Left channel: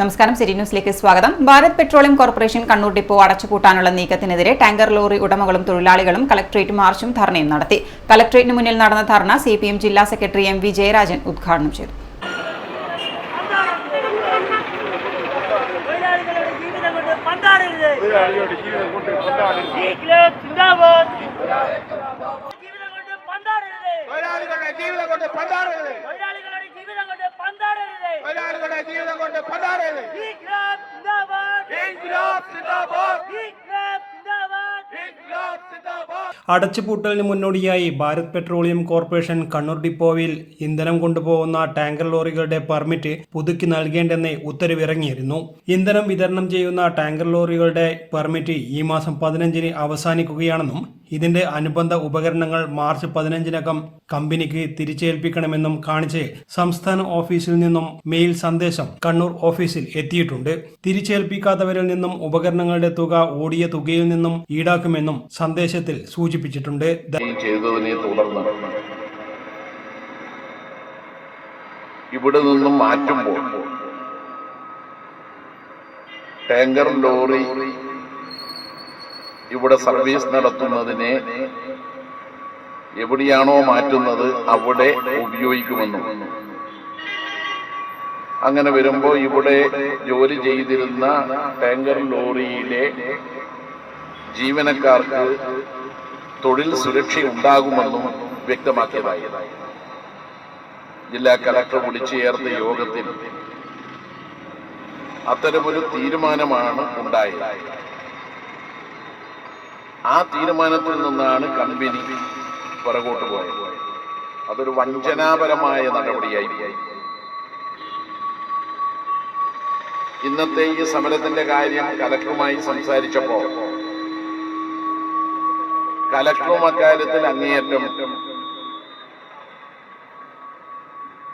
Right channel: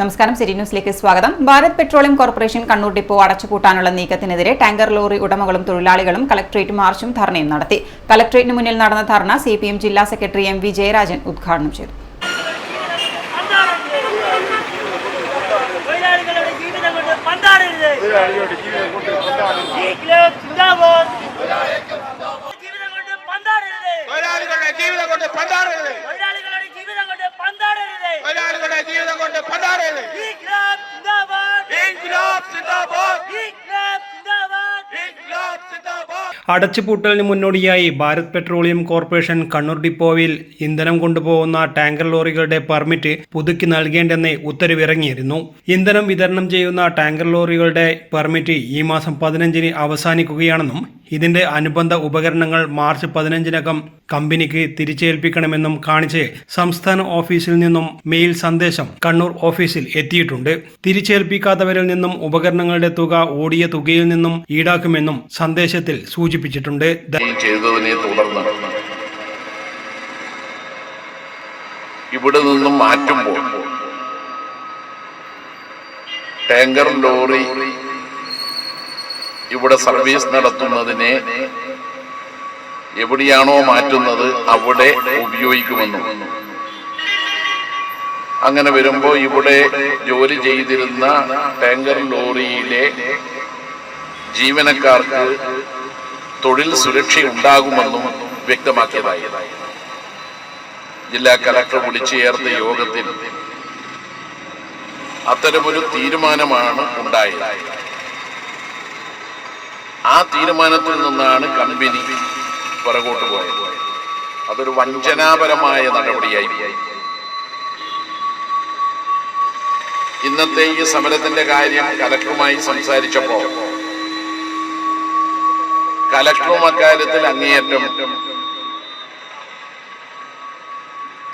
നമസ്കാരം, സിറ്റി ന്യൂസിലേക്ക് സ്വാഗതം. Bharat petroleum corporation Kannur depot അടച്ചുപൂട്ടാനുള്ള നീക്കത്തിനെതിരെ ടാങ്കർ ലോറി ഉടമകളും തൊഴിലാളികളും കളക്ടറേറ്റ് മാർച്ചും ധർണയും നടത്തി. കളക്ടറേറ്റിന് മുന്നിൽ നടന്ന ധർണ CPM ജില്ലാ സെക്രട്ടറി MV ജയരാജൻ ഉദ്ഘാടനം ചെയ്തു. അടച്ചുപൂട്ടലിന് മുന്നോടിയായി ഭാരത് പെട്രോളിയം കോർപ്പറേഷൻ കണ്ണൂർ ഡിപ്പോയിൽ ഇന്ധനം കൊണ്ടുപോകുന്ന ടാങ്കർ ലോറികളുടെ പെർമിറ്റ് പുതുക്കി നൽകേണ്ടെന്ന് ഉത്തരവിറങ്ങിയിരുന്നു. ഇന്ധനം വിതരണം ചെയ്യുന്ന ടാങ്കർ ലോറികളുടെ പെർമിറ്റ് ഈ മാസം 15-ന് അവസാനിക്കുകയാണെന്നും ഇതിന്റെ അനുബന്ധ ഉപകരണങ്ങൾ മാർച്ച് 15-നകം കമ്പനിക്ക് തിരിച്ചേൽപ്പിക്കണമെന്നും കാണിച്ച് സംസ്ഥാന ഓഫീസിൽ നിന്നും മെയിൽ സന്ദേശം കണ്ണൂർ ഓഫീസിൽ എത്തിയിട്ടുണ്ട്. തിരിച്ചേൽപ്പിക്കാത്തവരിൽ നിന്നും ഉപകരണങ്ങളുടെ തുക ഓടിയ തുകയിൽ നിന്നും ഈടാക്കുമെന്നും സന്ദേശത്തിൽ സൂചിപ്പിച്ചിട്ടുണ്ട്. ചെയ്തതിനെ തുടർന്ന് ഇവിടെ നിന്നും മാറ്റുമ്പോൾ ടാങ്കർ ലോറി ഇവിടെ സർവീസ് നടത്തുന്നതിനെ എവിടെയാണോ മാറ്റുന്നത് അവിടെ ഉപയോഗിക്കുമെന്നും, അങ്ങനെ വരുമ്പോൾ ഇവിടെ ജോലി ചെയ്തിരുന്ന ടാങ്കർ ലോറിയിലെ ജീവനക്കാർക്ക് തൊഴിൽ സുരക്ഷ ഉണ്ടാകുമെന്നും വ്യക്തമാക്കിയതായി ജില്ലാ കലക്ടർ വിളിച്ചു ചേർത്ത യോഗത്തിൽ അത്തരമൊരു തീരുമാനമാണ് ഉണ്ടായത്. ആ തീരുമാനത്തിൽ നിന്നാണ് കമ്പനി പുറകോട്ട് പോയത്. അതൊരു വഞ്ചനാപരമായ നടപടിയായി. ഇന്നത്തെ ഈ സമരത്തിന്റെ കാര്യം കലക്ടറുമായി സംസാരിച്ചപ്പോൾ കലക്ടറും അക്കാര്യത്തിൽ അങ്ങേയറ്റം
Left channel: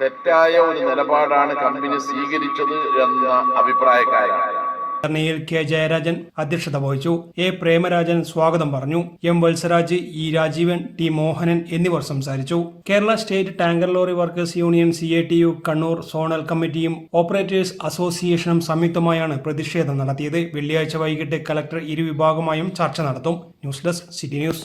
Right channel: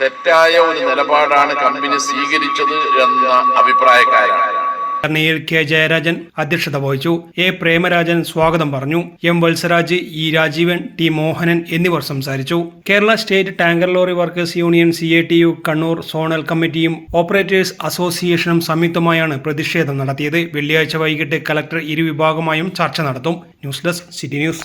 തെറ്റായ ഒരു നിലപാടാണ് കമ്പനി സ്വീകരിച്ചത് എന്ന അഭിപ്രായക്കാരാണ്. ധർണയിൽ K. ജയരാജൻ അധ്യക്ഷത വഹിച്ചു. A. പ്രേമരാജൻ സ്വാഗതം പറഞ്ഞു. M. Valsaraj, E. Rajeevan, T. Mohanan എന്നിവർ സംസാരിച്ചു. Kerala state tanker lorry workers union CATU Kannur zonal കമ്മിറ്റിയും ഓപ്പറേറ്റേഴ്സ് അസോസിയേഷനും സംയുക്തമായാണ് പ്രതിഷേധം നടത്തിയത്. വെള്ളിയാഴ്ച വൈകിട്ട് കലക്ടർ ഇരുവിഭാഗമായും ചർച്ച നടത്തും. News desk, city news.